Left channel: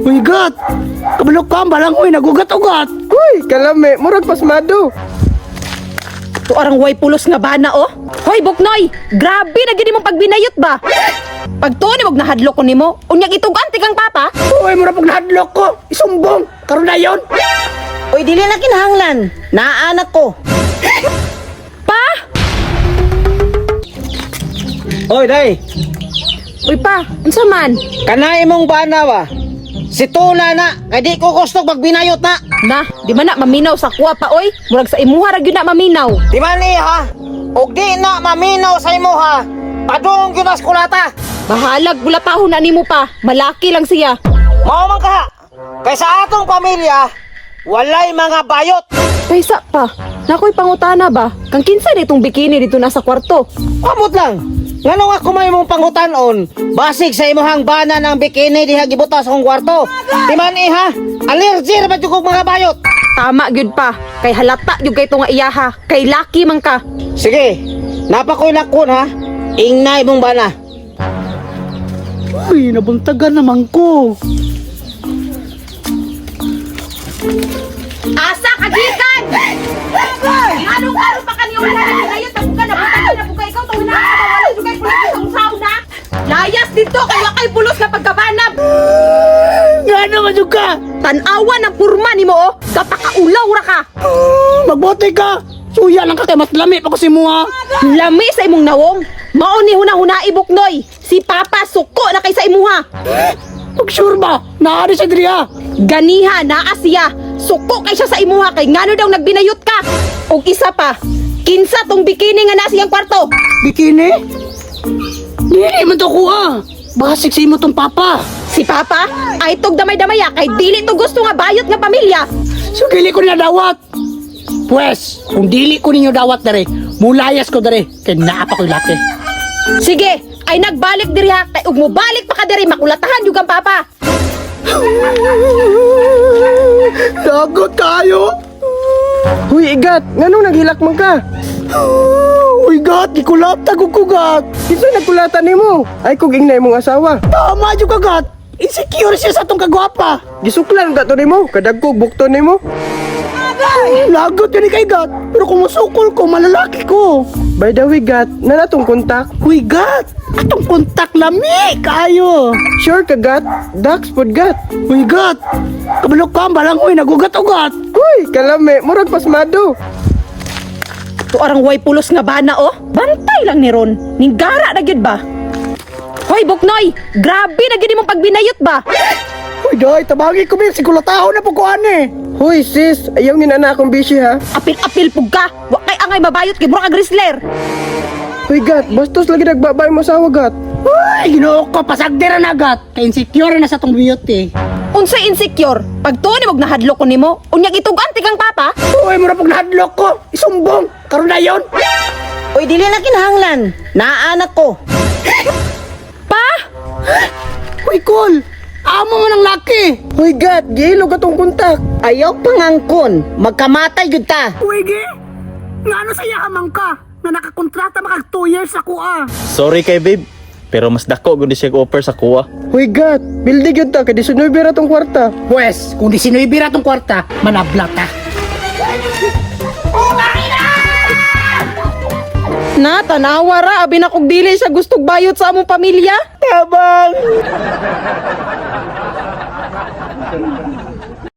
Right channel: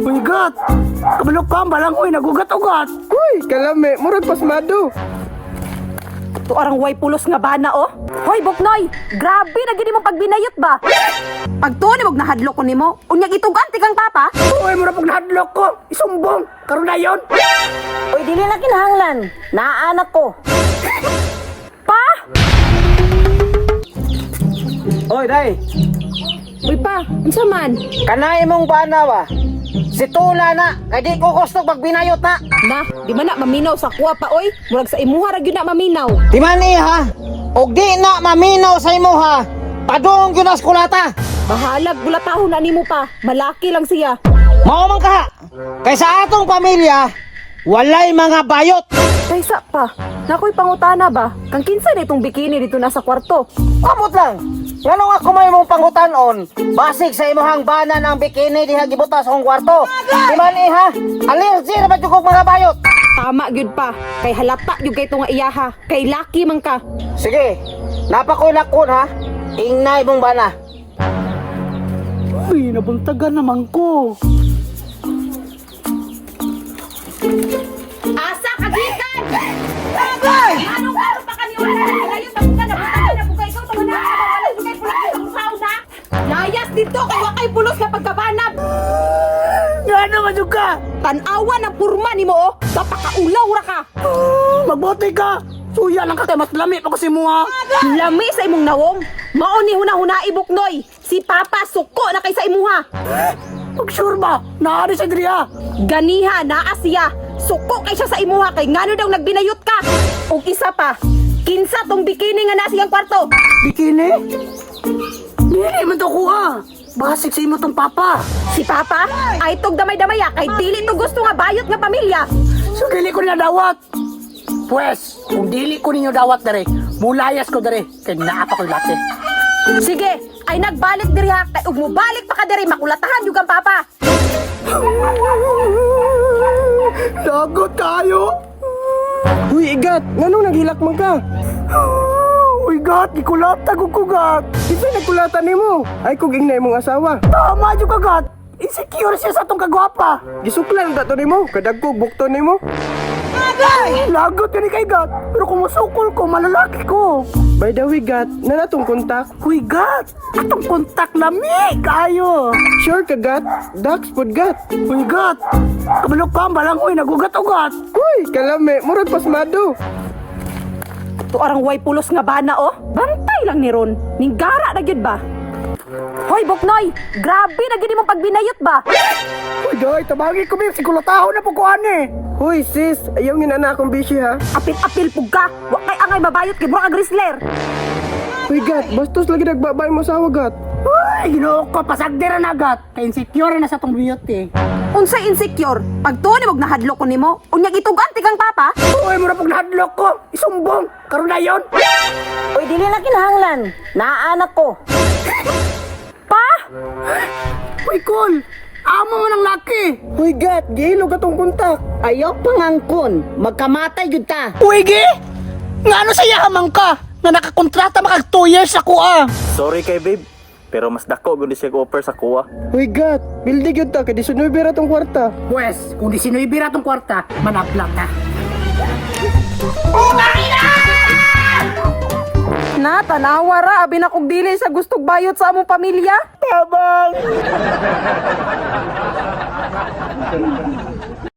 Uy, gat! Kabulok ka, balang uy, nagugat-ugat! Uy, kalame, murag pasmado. To arang way pulos nga bana oh. Hoy Buknoy, grabe na gini mo pagbinayot ba? Pag to ni nahadlok ko nimo, unyag itugan tikang papa. Uy, mura pag nahadlok ko! Isumbong! Karoon na yun! Uy, dili na kinahanglan. Naaanak ko. Pa! Oy, day. Uy pa, unsa man? Kanay mong bana ba? Si Tuna na, kay di ko gusto magbinayot na. Na, di man na maminaw sa kuwa pa oy. Murag sa imuha ra gyud na maminaw. Di man ha? Og di na maminaw sa imo ha. Padung yun as kulata. Bahalag bulapahon na nimo pa. Malaki lang siya. Mao man ka. Kay sa atong pamilya, walay mga bayot. Kaysa pa, nakoy pangutana ba? Kang kinsa nitong bikini dito nasa kwarto? Kamot lang. Ngano nga kumay mong pangutan-on? Basig sa imuhang bana ng bikini diha gibutas akong kwarto. Di man ha? Allergy ra ba jud kog mga bayot? Tama gyud pa. Kay halata gyud kay to nga iyaha. Kay laki man ka. Sige. Napakoy lakon ha. Ingnay mong bana. Uy, nabuntagan naman ko! Asa kagikan! Anong-araw pa kanyo wala na ngayon tabukan na buka ikaw to na wala jugay pulos sa sauna. Layas dito kay pulos na pagkabanab. Nga naman yung ka! Tanawa ng purma nimo oh. Kapakaulaw ra ka. Magbote ka! Suya lang ka kay mas lami pa ko si Mua! Lami sa imong nawong. Mao ni huna-huna ibuknoy. Si Papa suko na kay sa imuha. Mag-sure ba? Naari siya diri ha! Ganiha naa siya. Suko kay siya sa imuha kay ngano daw nagbinayot ka. Og isa pa, kinsa tong bikini nga nasa iyang kwarto? Bikini? Dili man to kuha! Baka siksi mo tong papa! Si Papa ay tog damay-damaya kay dili to gusto nga bayot nga pamilya. So dili ko niya dawat! Pwes, kung dili ko ninyo dawat dere, mulayas ko dere, kay naapa ko'y late. Sige, ay nagbalik diri ha. Kay ug mobalik pa ka diri makulatahan jud ang Papa. Dagot kayo! Uy, igat, nganong naghilak man ka? Uy, gat! Gikulata ko kugat! Isa nagkulatan nimo. Ay kog ingnay mong asawa. Tama yung kagat! Insecure siya sa tong kagwapa! Gisuklan ka to nimo, kadagkog bukton nimo. Lagot yun kay gat! Pero kung masukol ko, malalaki ko! By the way, gat, nanatong kontak. Uy, gat! Atong kontak lami! Kayo! Sure ka, gat? Dax pod gat. Uy, gat! Kabulok ka, balang uy, nagugat-ugat! Uy, kalame, murag pasmado. To arang way pulos nga bana oh. Bantay lang ni Ron. Ninggara na gyud ba? Hoy Buknoy, grabe na gyud imong pagbinayot ba? Uy, doy, tabagi ko bil, sigulataho na po ko ane! Huy, sis, ayaw nga na akong busy ha. Apil-apil pug ka. Wa kay angay mabayot kay murag grisler. Uy, gat, bastos lagi nagbabay mo asawa, gat. Uy, ginoo ko, pasagdira na gat! Kay insecure na sa tong beauty! Unsay insecure? Pag to ni naghadlok ko nimo, unyag itugan tikang Papa. Uy, mura pag nahadlok ko! Isumbong! Karoon na yun! Uy, dili na kinahanglan. Naaanak ko. Pa! Uy, cool! Amo mo ng laki! Uy, gat, gihilo ka tong kontak. Ayaw pangangkon. Magkamatay jud ta. Uy, gi! Nga ano saya hamang ka? Nga nakakontrata makag 2 years ako ah! Sorry kay babe, pero mas dako gud siya offer sa kuha. Uy, gat, bildi gyud ta, kay 19 ra tong kwarta. Pwes, kung di sinuibira tong kwarta, manabla ka! Na tanawa ra abi na kog dili sa gustong bayot sa among pamilya. Tabang!